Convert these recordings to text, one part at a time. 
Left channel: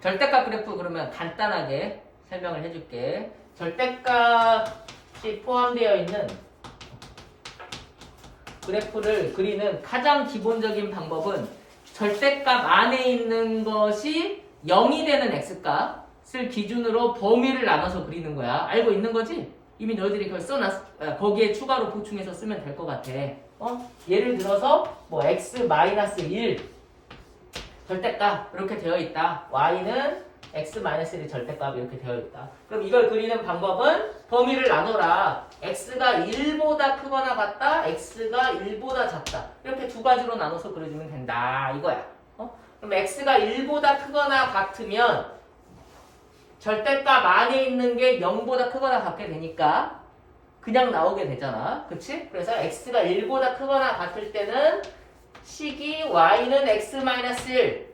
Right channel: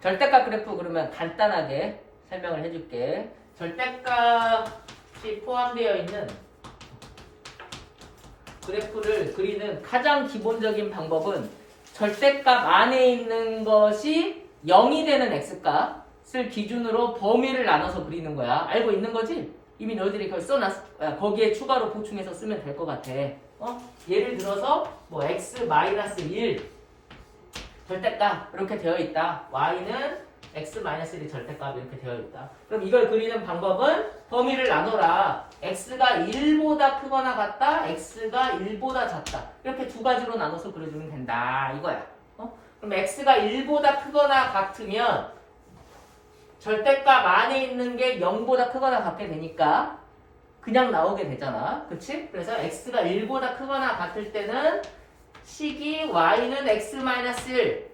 절대값 그래프 그러면 간단하게 설명을 해줄게. 절대값이 포함되어 있는 그래프를 그리는 가장 기본적인 방법은 절대값 안에 있는 것이 0이 되는 x값을 기준으로 범위를 나눠서 그리는 거야. 알고 있는 거지? 이미 너희들이 그걸 거기에 추가로 보충해서 쓰면 될 것 같아. 예를 들어서 뭐 x-1 절대값 이렇게 되어 있다. y는 x-1의 절대값 이렇게 되어 있다. 그럼 이걸 그리는 방법은 범위를 나눠라. x가 1보다 크거나 같다. x가 1보다 작다. 이렇게 두 가지로 나눠서 그려주면 된다. 이거야. 그럼 x가 1보다 크거나 같으면 절대값 안에 있는 게 0보다 크거나 같게 되니까 그냥 나오게 되잖아. 그치? 그래서 x가 1보다 크거나 같을 때는 식이 y는 x-1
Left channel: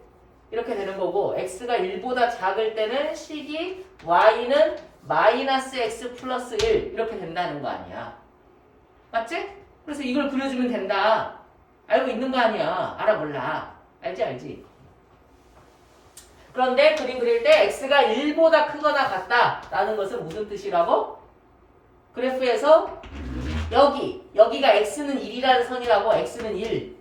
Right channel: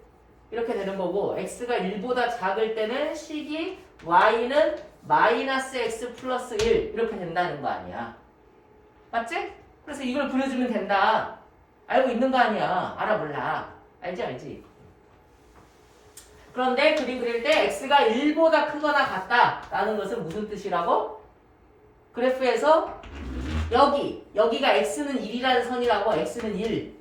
이렇게 되는 거고 x가 1보다 작을 때는 식이 y는 마이너스 x 플러스 1 이렇게 된다는 거 아니야. 맞지? 그래서 이걸 그려주면 된다. 알고 있는 거 아니야. 알아 몰라. 알지? 그런데 그림 그릴 때 x가 1보다 크거나 같다라는 것은 무슨 뜻이라고? 그래프에서 여기가 x는 1이라는 선이라고. x는 1.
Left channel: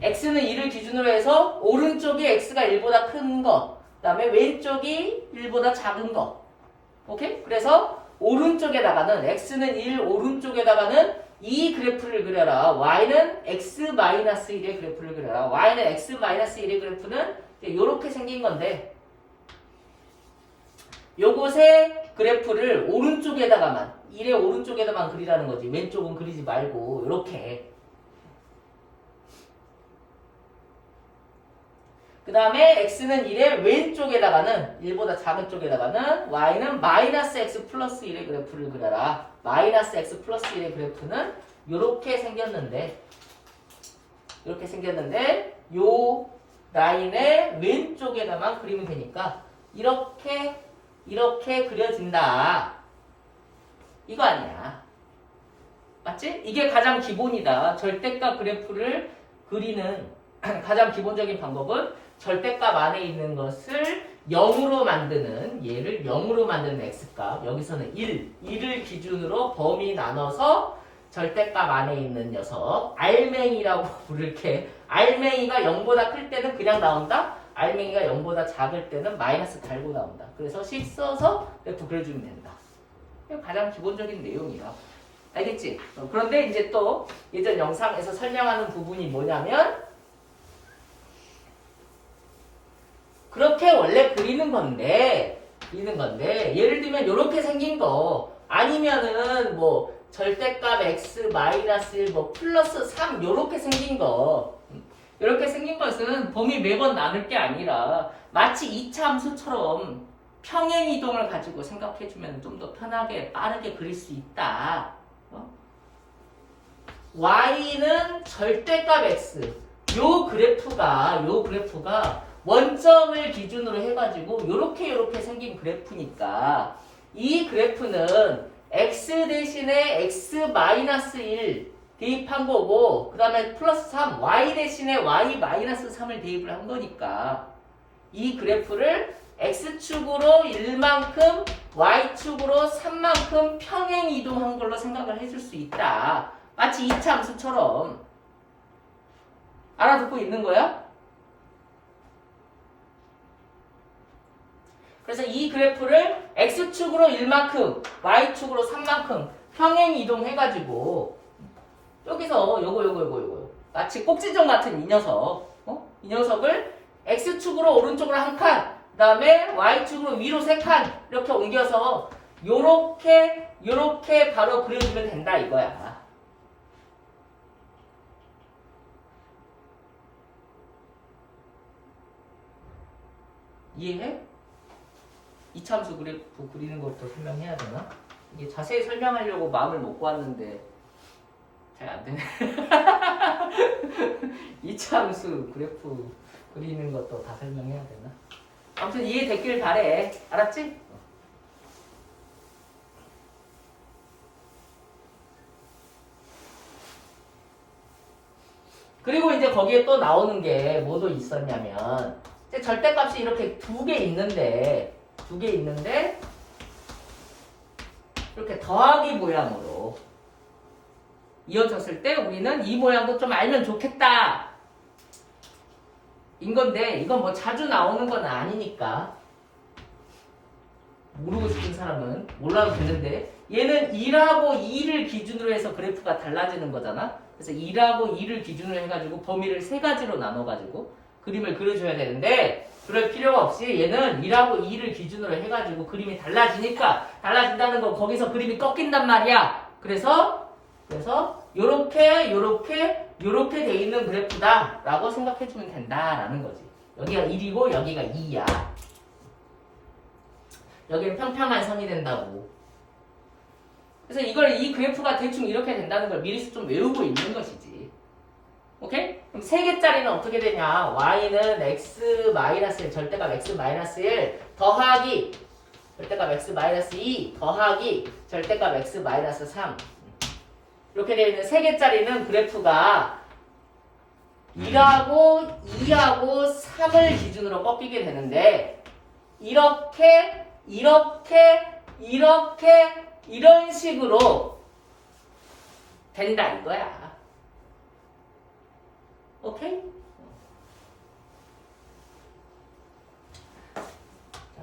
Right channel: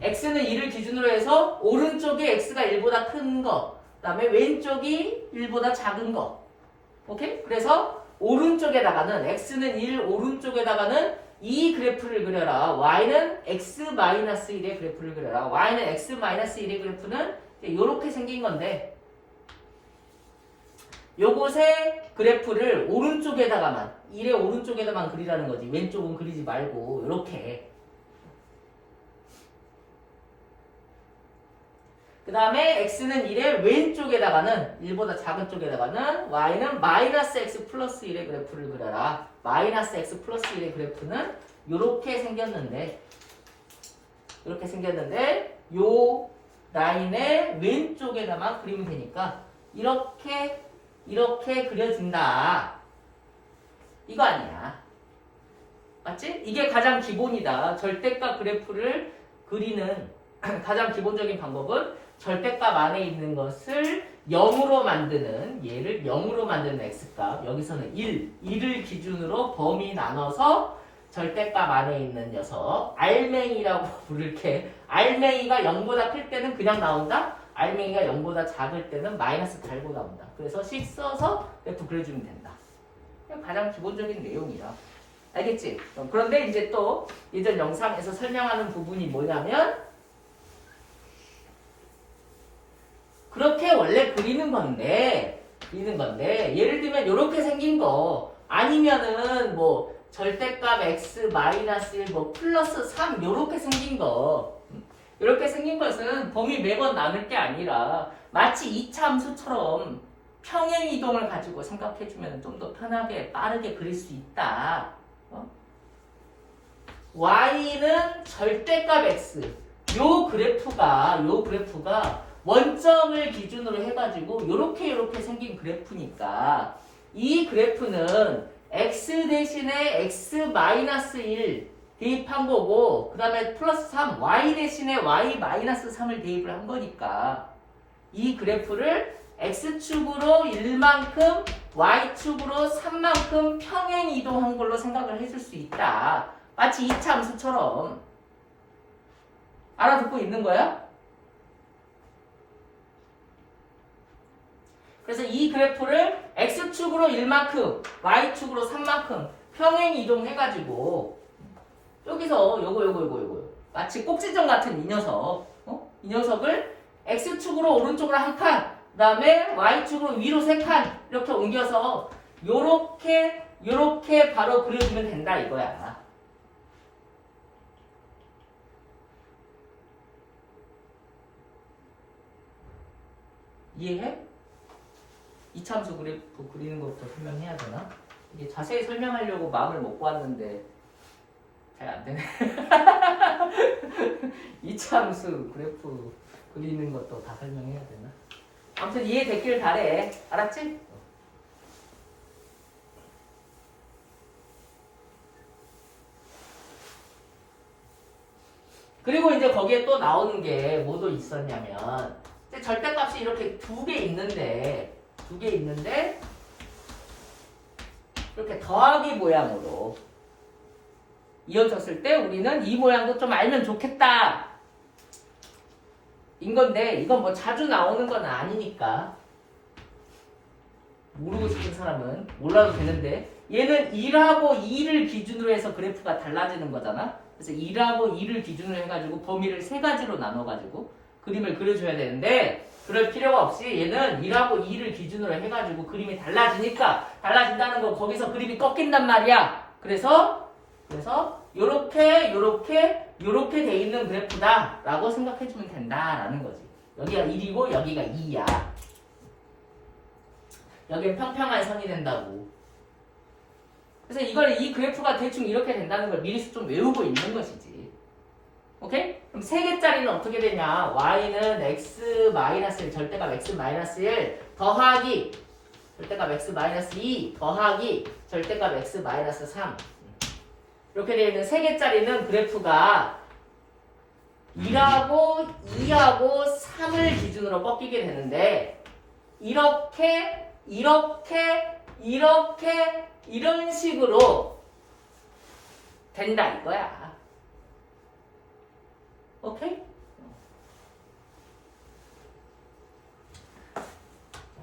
x는 1을 기준으로 해서 오른쪽이 x가 1보다 큰 거, 그 다음에 왼쪽이 1보다 작은 거. 오케이? 그래서 오른쪽에다가는 x는 1 오른쪽에다가는 이 그래프를 그려라. y는 x-1의 그래프를 그려라. y는 x-1의 그래프는 이렇게 생긴 건데 요것의 그래프를 오른쪽에다가만 1의 오른쪽에다만 그리라는 거지. 왼쪽은 그리지 말고 이렇게. 그 다음에 x는 1의 왼쪽에다가는 1보다 작은 쪽에다가는 y는 마이너스 x 플러스 1의 그래프를 그려라. 마이너스 x 플러스 1의 그래프는 이렇게 생겼는데 요 라인의 왼쪽에다만 그리면 되니까 이렇게 그려진다. 이거 아니야. 맞지? 이게 가장 기본이다. 절대값 그래프를 그리는 가장 기본적인 방법은 절대값 안에 있는 것을 0으로 만드는, 얘를 0으로 만드는 x값, 여기서는 1을 기준으로 범위 나눠서 절대값 안에 있는 녀석, 알맹이라고 부를게. 알맹이가 0보다 클 때는 그냥 나온다. 알맹이가 0보다 작을 때는 마이너스 달고 나온다. 그래서 식 써서 그래프 그려주면 된다. 이게 가장 기본적인 내용이야. 알겠지? 그런데 이제 또 예전 영상에서 설명하는 부분이 뭐냐면 그렇게 원래 그리는 건데 예를 들면 이렇게 생긴 거 아니면은 뭐 절대값 x-1 뭐 플러스 3 이렇게 생긴 거 이렇게 생긴 것은 범위 매번 나눌 게 아니라 마치 2차 함수처럼 평행 이동을 가지고 생각해주면 좀 더 편하게 빠르게 그릴 수 있다. y는 절대값 x 요 그래프가 원점을 기준으로 해가지고 요렇게 생긴 그래프니까 이 그래프는 x 대신에 x-1 대입한 거고 그 다음에 플러스 3 y 대신에 y-3을 대입을 한 거니까 이 그래프를 x축으로 1만큼 y축으로 3만큼 평행 이동한 걸로 생각을 해줄 수 있다. 마치 2차 함수처럼. 알아듣고 있는 거야? 그래서 이 그래프를 x축으로 1만큼, y축으로 3만큼 평행 이동해가지고 여기서 요거 마치 꼭지점 같은 이 녀석, 이 녀석을 x축으로 오른쪽으로 한 칸, 그 다음에 y축으로 위로 3칸 이렇게 옮겨서 요렇게 바로 그려주면 된다 이거야. 이해해? 이참수 그래프 그리는 것도 설명해야 되나? 이게 자세히 설명하려고 마음을 먹고 왔는데 잘 안 되네. 이참수 그래프 그리는 것도 다 설명해야 되나? 아무튼 이해됐길 바래. 알았지? 그리고 이제 거기에 또 나오는 게 뭐도 있었냐면 절대값이 이렇게 두 개 있는데 이렇게 더하기 모양으로 이어졌을 때 우리는 이 모양도 좀 알면 좋겠다 인 건데 이건 뭐 자주 나오는 건 아니니까 모르고 싶은 사람은 몰라도 되는데 얘는 1하고 2를 기준으로 해서 그래프가 달라지는 거잖아. 그래서 1하고 2를 기준으로 해가지고 범위를 세 가지로 나눠가지고 그림을 그려줘야 되는데 그럴 필요가 없이 얘는 1하고 2를 기준으로 해가지고 그림이 달라지니까 달라진다는 건 거기서 그림이 꺾인단 말이야. 그래서 요렇게 돼 있는 그래프다 라고 생각해주면 된다라는 거지. 여기가 1이고 여기가 2야. 여기는 평평한 선이 된다고. 그래서 이 그래프가 대충 이렇게 된다는 걸 미리 좀 외우고 있는 것이지. 오케이? 그럼 3개짜리는 어떻게 되냐? y는 x-1, 절대값 x-1 더하기 절대값 x-2 더하기 절대값 x-3 이렇게 되어 있는 3개짜리는 그래프가 1하고 2하고 3을 기준으로 꺾이게 되는데 이렇게 이런 식으로 된다 이거야. 오케이? 자,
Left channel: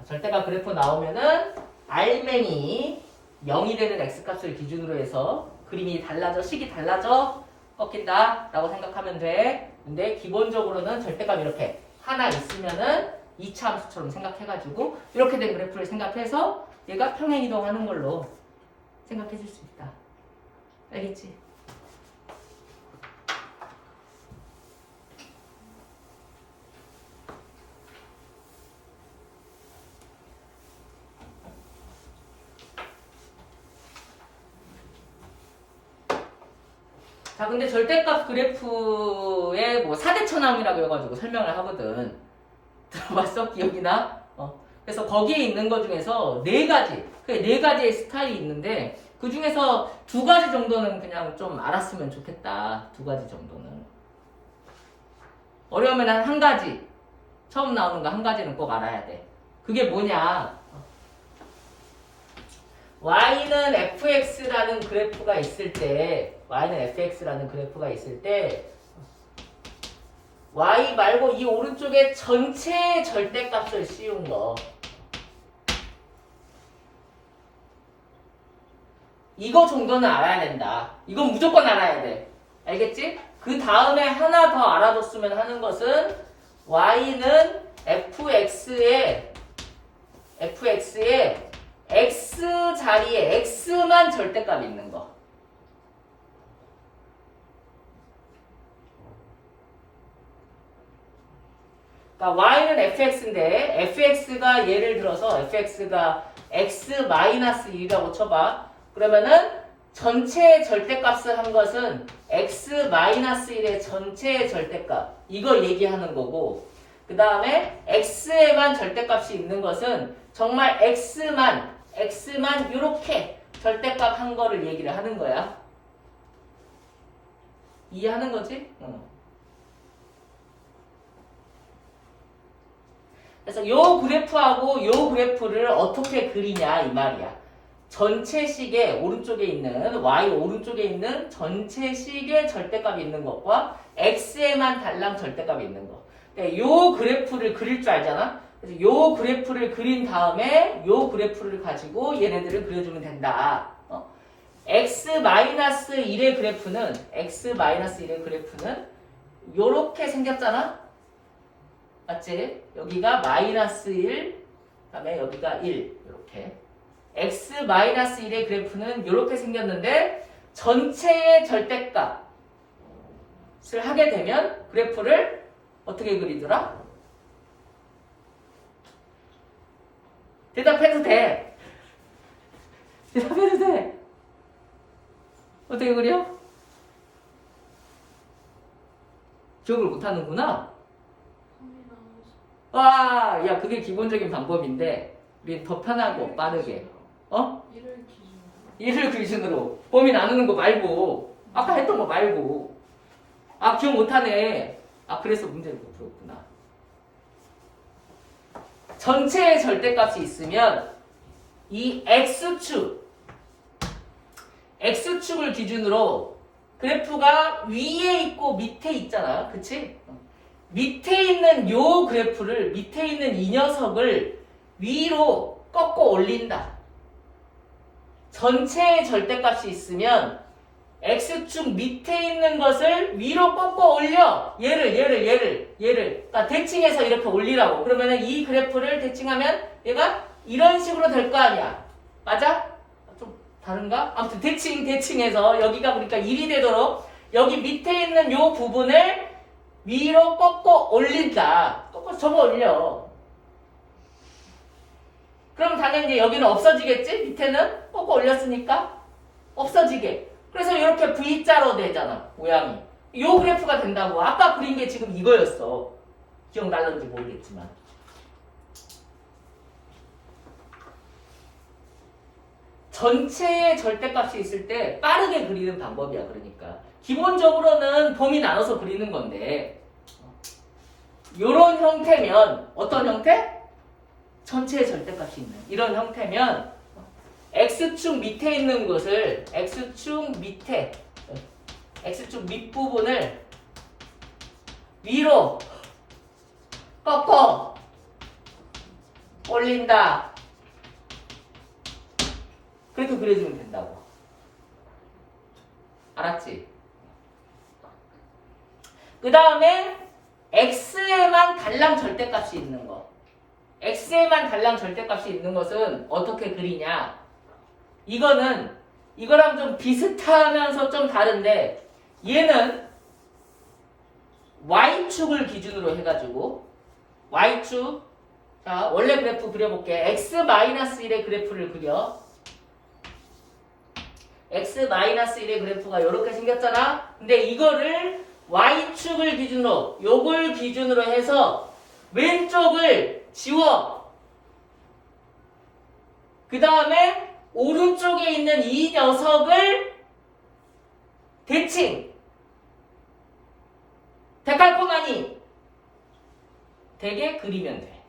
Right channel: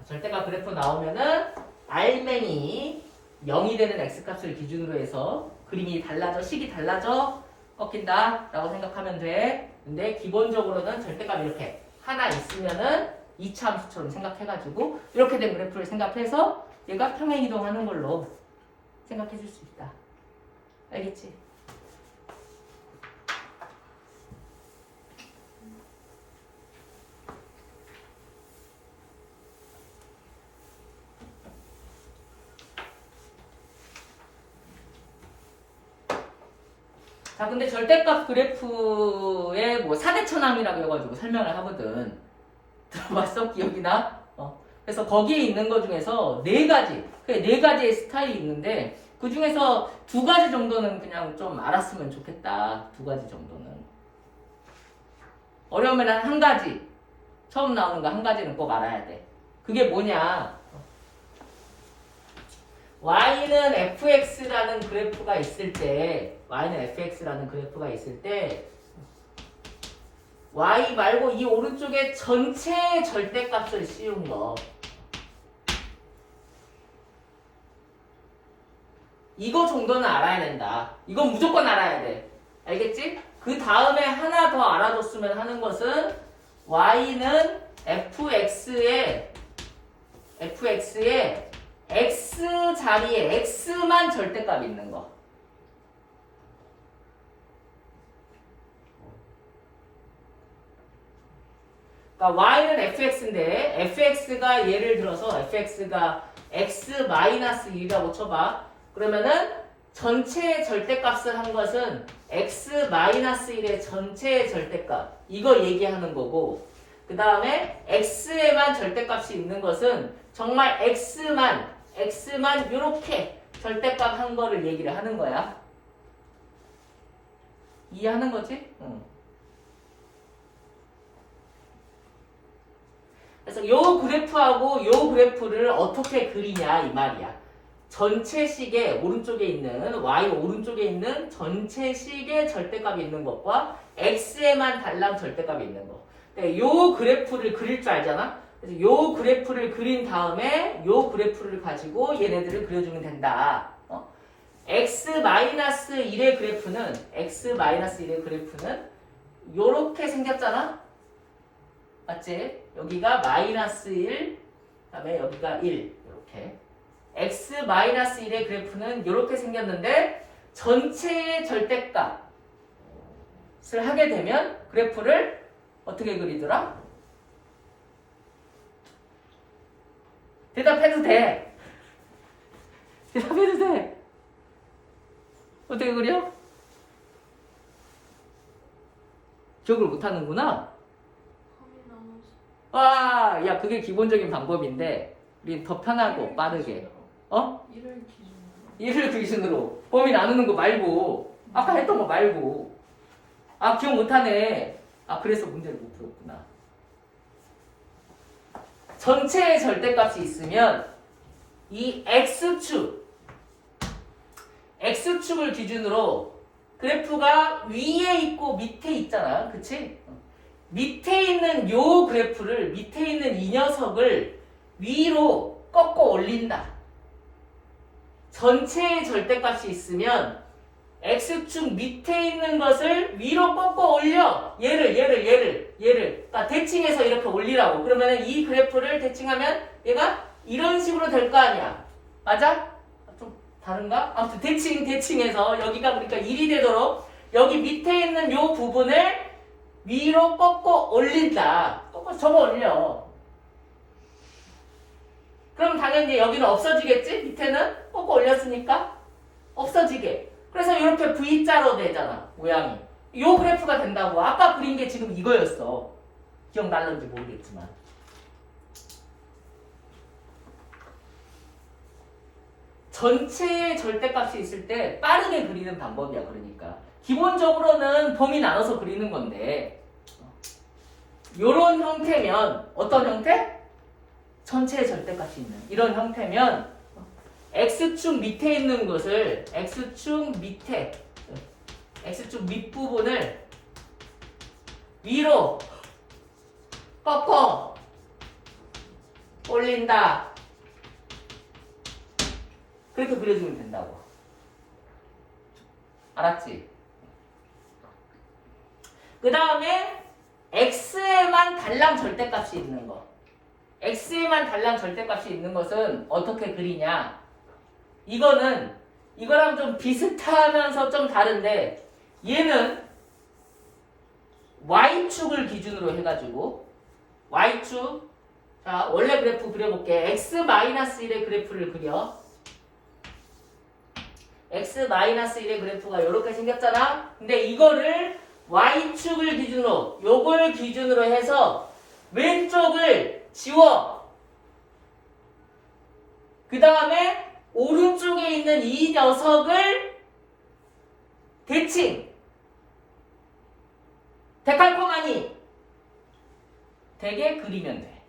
절대값 그래프 나오면은 알맹이 0이 되는 x값을 기준으로 해서 그림이 달라져, 식이 달라져 꺾인다 라고 생각하면 돼. 근데 기본적으로는 절대값 이렇게 하나 있으면은 2차 함수처럼 생각해가지고 이렇게 된 그래프를 생각해서 얘가 평행이동하는 걸로 생각해 줄 수 있다. 알겠지? 자, 근데 절대값 그래프에 뭐 사대천왕이라고 해가지고 설명을 하거든. 들어봤어? 기억이나? 그래서 거기에 있는 것 중에서 4가지, 그 4가지의 스타일이 있는데 그 중에서 2가지 정도는 그냥 좀 알았으면 좋겠다. 2가지 정도는. 어려우면 한 가지. 처음 나오는 거 한 가지는 꼭 알아야 돼. 그게 뭐냐? y는 fx라는 그래프가 있을 때 y 말고 이 오른쪽에 전체 절대값을 씌운 거 이거 정도는 알아야 된다. 이건 무조건 알아야 돼. 알겠지? 그 다음에 하나 더 알아뒀으면 하는 것은 y는 fx에 x 자리에 x만 절대값이 있는 거. 그러니까 y는 fx인데 fx가 예를 들어서 fx가 x-1이라고 쳐봐. 그러면은 전체 절대값을 한 것은 x-1의 전체 절대값 이거 얘기하는 거고 그 다음에 x에만 절대값이 있는 것은 정말 x만 이렇게 절대값 한 거를 얘기를 하는 거야. 이해하는 거지? 응. 그래서 요 그래프하고 요 그래프를 어떻게 그리냐 이 말이야. 전체식의 오른쪽에 있는 y 오른쪽에 있는 전체식의 절대값이 있는 것과 x에만 달랑 절대값이 있는 거. 그러니까 요 그래프를 그릴 줄 알잖아. 그래서 요 그래프를 그린 다음에 요 그래프를 가지고 얘네들을 그려주면 된다. x-1의 그래프는 요렇게 생겼잖아. 맞지? 여기가 -1, 그다음에 여기가 1 이렇게. x-1의 그래프는 이렇게 생겼는데 전체의 절대값을 하게 되면 그래프를 어떻게 그리더라? 대답해도 돼. 대답해도 돼. 어떻게 그려? 기억을 못하는구나. 와, 야 그게 기본적인 방법인데 우리 더 편하고 빠르게. 1을 기준으로 범위 나누는 거 말고 아까 했던 거 말고 기억 못하네. 그래서 문제를 못 풀었구나. 전체의 절대값이 있으면 이 X축을 기준으로 그래프가 위에 있고 밑에 있잖아요. 그치? 밑에 있는 요 그래프를, 밑에 있는 이 녀석을 위로 꺾어 올린다. 전체의 절대값이 있으면 X축 밑에 있는 것을 위로 꺾어 올려. 얘를. 그러니까 대칭해서 이렇게 올리라고. 그러면 이 그래프를 대칭하면 얘가 이런 식으로 될 거 아니야. 맞아? 좀 다른가? 아무튼 대칭해서 여기가 그러니까 1이 되도록 여기 밑에 있는 요 부분을 위로 꺾어 올린다. 꺾어 접어 올려. 그럼 당연히 여기는 없어지겠지? 밑에는 꺾어 올렸으니까 없어지게. 그래서 이렇게 V자로 되잖아, 모양이. 요 그래프가 된다고. 아까 그린 게 지금 이거였어. 기억날는지 모르겠지만. 전체의 절대값이 있을 때 빠르게 그리는 방법이야. 그러니까 기본적으로는 범위 나눠서 그리는 건데 요런 형태면 어떤 형태? 전체의 절대값이 있는 이런 형태면 X축 밑에 있는 것을 X축 밑부분을 위로 꺾어 올린다. 그렇게 그려주면 된다고. 알았지? 그 다음에 X에만 달랑 절대값이 있는 거. X에만 달랑 절대값이 있는 것은 어떻게 그리냐? 이거랑 좀 비슷하면서 좀 다른데 얘는 Y축을 기준으로 해가지고 Y축, 자 원래 그래프 그려볼게. X-1의 그래프를 그려. X-1의 그래프가 이렇게 생겼잖아. 근데 이거를 Y축을 기준으로, 요걸 기준으로 해서 왼쪽을 지워. 그 다음에 오른쪽에 있는 이 녀석을 대칭. 데칼코마니 되게 그리면 돼.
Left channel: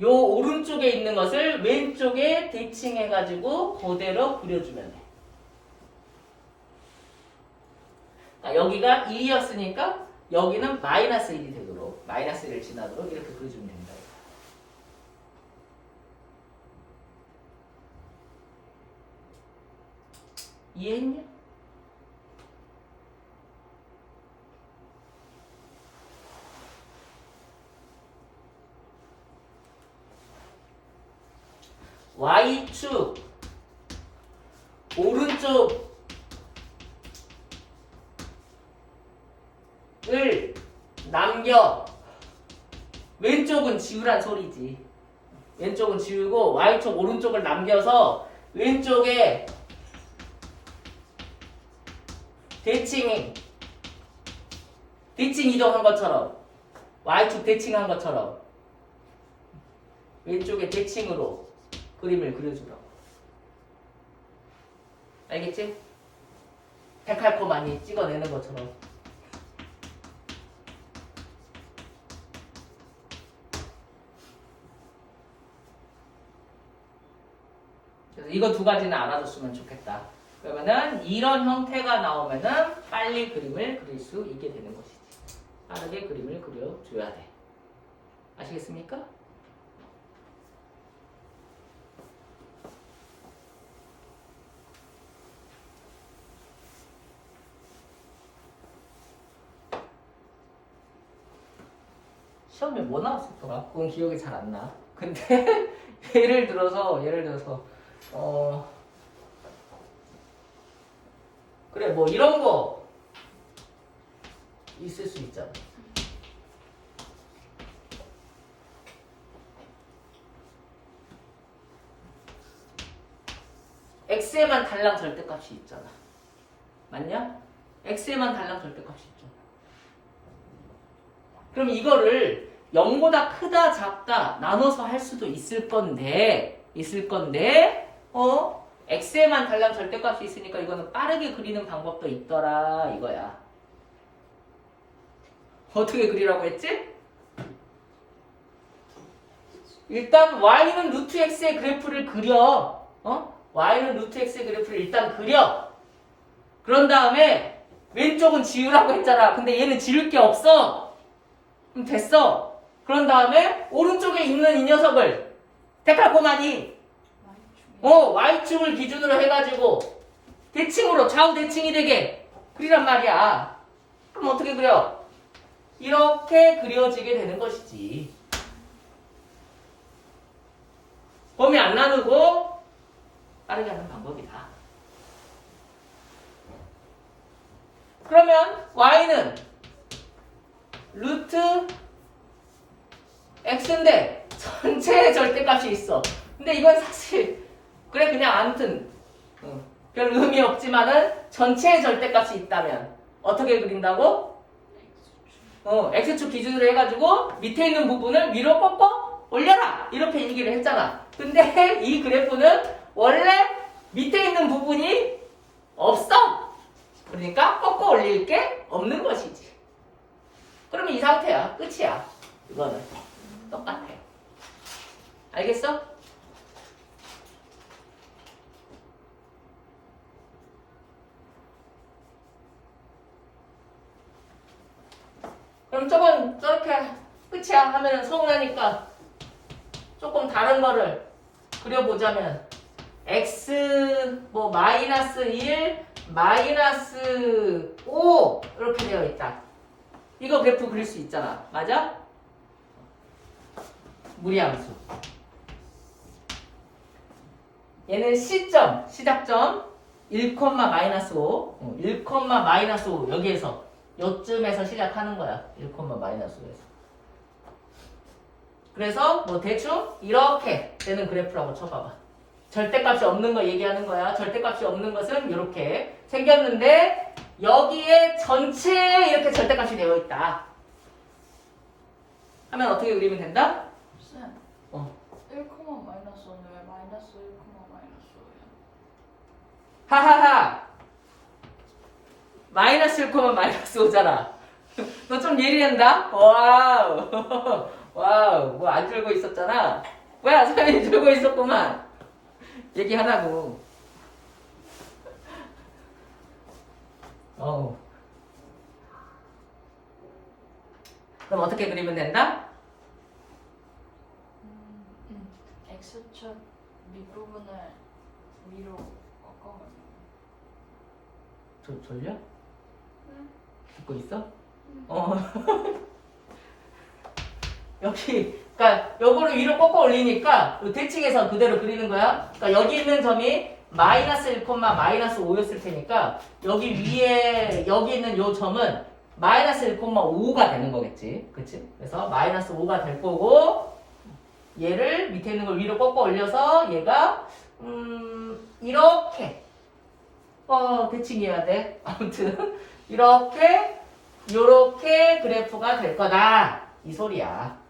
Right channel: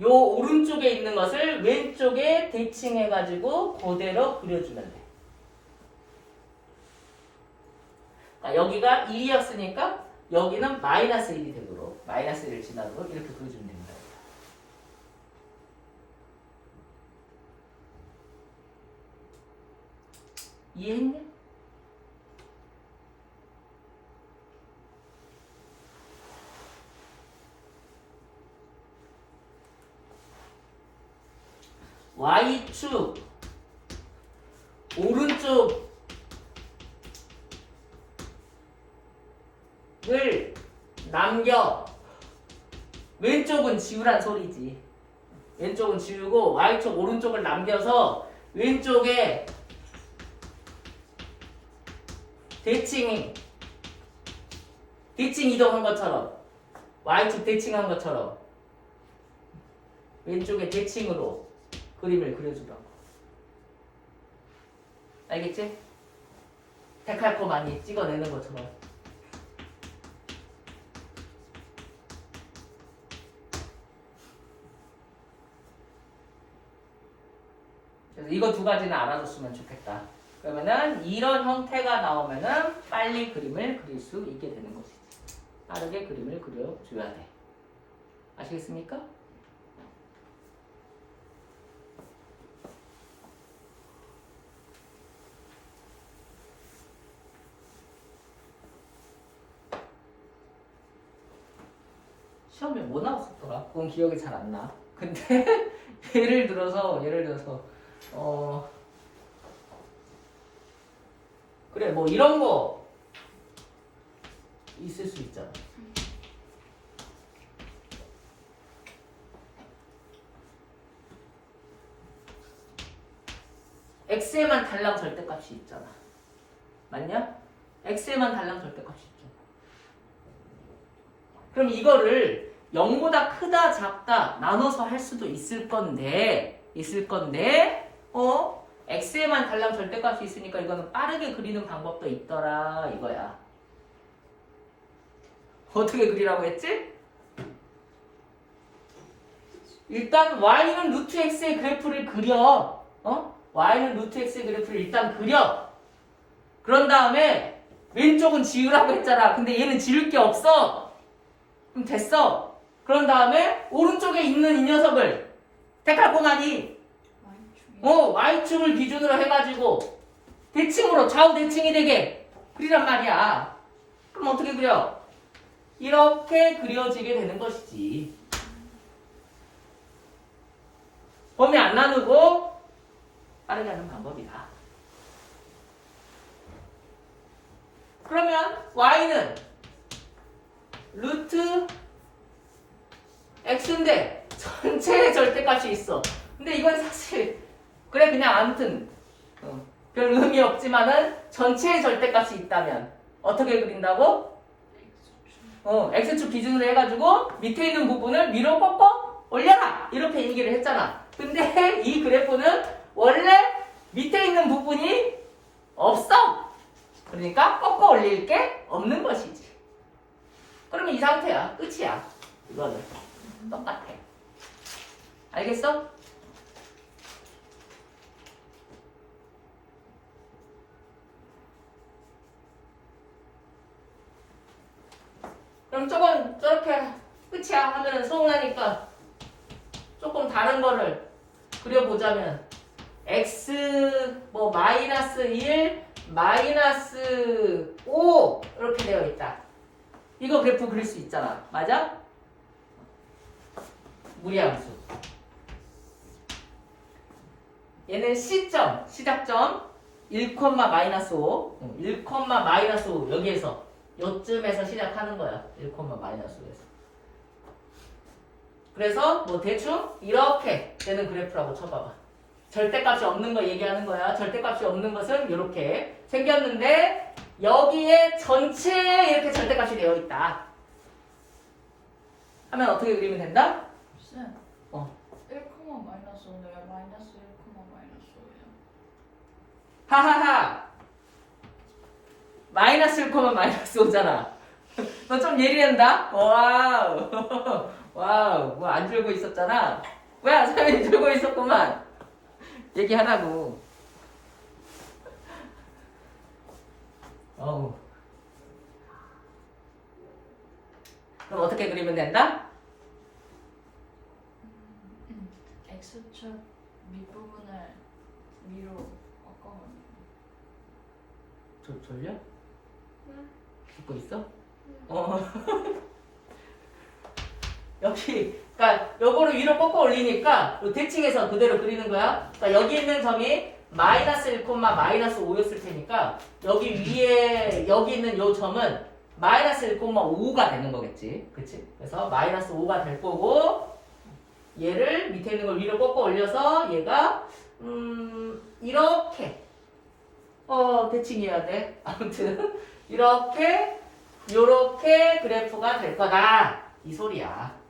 요 오른쪽에 있는 것을 왼쪽에 대칭해가지고 그대로 그려주면 돼. 여기가 1이었으니까 여기는 마이너스 1이 되도록, 마이너스 1을 지나도록 이렇게 그려주면 됩니다. 이해했냐? Y축 오른쪽을 남겨. 왼쪽은 지우란 소리지. 왼쪽은 지우고 Y축 오른쪽을 남겨서 왼쪽에 대칭 이동한 것처럼 Y축 대칭한 것처럼 왼쪽에 대칭으로 그림을 그려주라고. 알겠지? 데칼코 많이 찍어내는 것처럼. 그래서 이거 두 가지는 알아뒀으면 좋겠다. 그러면은 이런 형태가 나오면은 빨리 그림을 그릴 수 있게 되는 것이지. 빠르게 그림을 그려줘야 돼. 아시겠습니까? 시험에 뭐 나왔었더라? 그건 기억이 잘 안 나. 근데 예를 들어서 그래 뭐 이런 거 있을 수 있잖아. X에만 달랑 절대값이 있잖아. 맞냐? X에만 달랑 절대값이 있잖아. 그럼 이거를 0보다 크다 작다 나눠서 할 수도 있을 건데 X에만 달랑 절대값이 있으니까 이거는 빠르게 그리는 방법도 있더라 이거야. 어떻게 그리라고 했지? 일단 y는 루트 x의 그래프를 그려. y는 루트 x의 그래프를 일단 그려. 그런 다음에 왼쪽은 지우라고 했잖아. 근데 얘는 지울 게 없어. 그럼 됐어. 그런 다음에 오른쪽에 있는 이 녀석을 데칼코마니 y축을 기준으로 해가지고 대칭으로 좌우 대칭이 되게 그리란 말이야. 그럼 어떻게 그려? 이렇게 그려지게 되는 것이지. 범위 안 나누고 빠르게 하는 방법이다. 그러면 y는 루트 x인데 전체의 절대값이 있어. 근데 이건 사실 그래 그냥 아무튼 별 의미 없지만은 전체의 절대값이 있다면 어떻게 그린다고? x축 기준으로 해가지고 밑에 있는 부분을 위로 꺾어 올려라 이렇게 얘기를 했잖아. 근데 이 그래프는 원래 밑에 있는 부분이 없어. 그러니까 꺾어 올릴 게 없는 것이지. 그러면 이 상태야. 끝이야. 이거는 똑같아. 알겠어? 그럼 조금 저렇게 끝이야 하면은 서운하니까 조금 다른 거를 그려보자면 x 뭐 마이너스 1 마이너스 5 이렇게 되어 있다. 이거 그래프 그릴 수 있잖아. 맞아? 무리함수. 얘는 시점, 시작점 1, 마이너스 5 1, 마이너스 5 여기에서 요쯤에서 시작하는 거야. 1, 마이너스 5에서. 그래서 뭐 대충 이렇게 되는 그래프라고 쳐봐봐. 절대값이 없는 거 얘기하는 거야. 절대값이 없는 것은 이렇게 생겼는데 여기에 전체에 이렇게 절대값이 되어 있다. 하면 어떻게 그리면 된다? 쌤, 1, 마이너스 5는 마이너스 1, 마이너스 5예요. 하하하. 마이너스 1, 마이너스 5잖아. 너 좀 예리한다? 와우. 와우. 뭐 안 들고 있었잖아. 뭐야, 사연이 들고 있었구만. 얘기하라고. 그럼 어떻게 그리면 된다? X축 밑부분을 위로 꺾어버리고. 졸려? 응. 듣고 있어? 응. 여기, 그러니까 요거를 위로 꺾어 올리니까 요 대칭에서 그대로 그리는 거야. 그러니까 여기 있는 점이 마이너스 1, 마이너스 5였을 테니까 여기 위에 여기 있는 요 점은 마이너스 1, 5가 되는 거겠지. 그치? 그래서 마이너스 5가 될 거고 얘를 밑에 있는 걸 위로 꺾어 올려서 얘가 이렇게 대칭해야 돼. 아무튼 이렇게 요렇게 그래프가 될 거다. 이 소리야.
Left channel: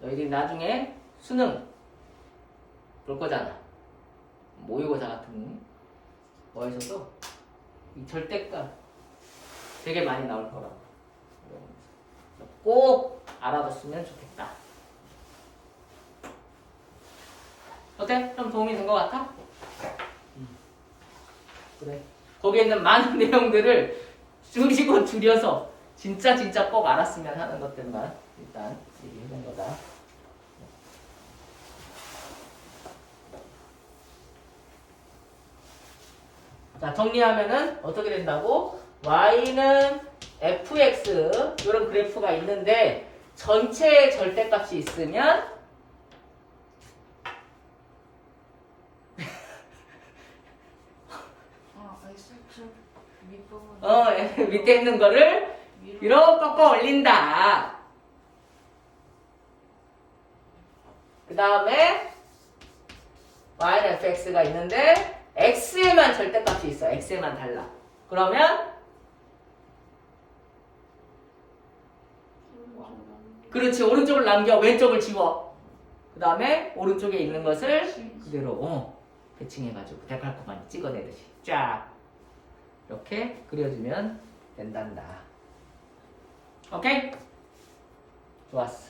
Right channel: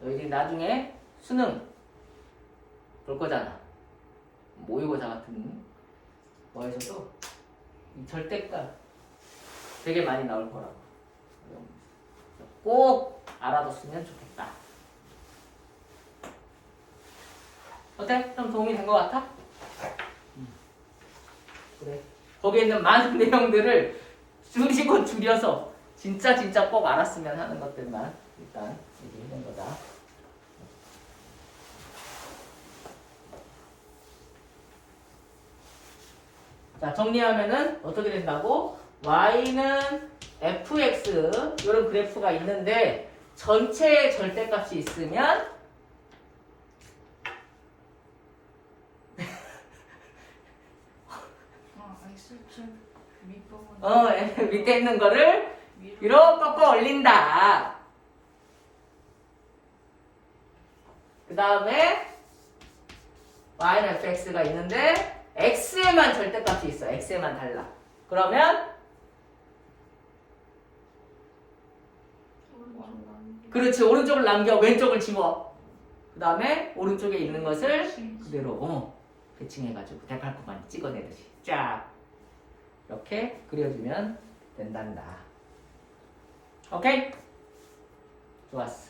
너희들이 나중에 수능 볼 거잖아. 모의고사 같은 거에서도 이 절대값 되게 많이 나올 거라고. 꼭 알아뒀으면 좋겠다. 어때? 좀 도움이 된 것 같아? 그래. 거기에 있는 많은 내용들을 줄이고 줄여서 진짜 꼭 알았으면 하는 것들만 일단 얘기해낸 거다. 자, 정리하면은 어떻게 된다고? y는 fx 이런 그래프가 있는데 전체의 절대값이 있으면 X축 밑부분. 밑에 있는 거를 위로 꺾어 올린다. 그 다음에 y는 fx가 있는데 x에만 절대값이 있어. x에만 달라. 그러면 그렇지. 오른쪽을 남겨. 왼쪽을 지워. 그 다음에 오른쪽에 있는 것을 그대로 대칭해가지고 데칼코마니 찍어내듯이 쫙 이렇게 그려주면 된단다. 오케이? 좋았어.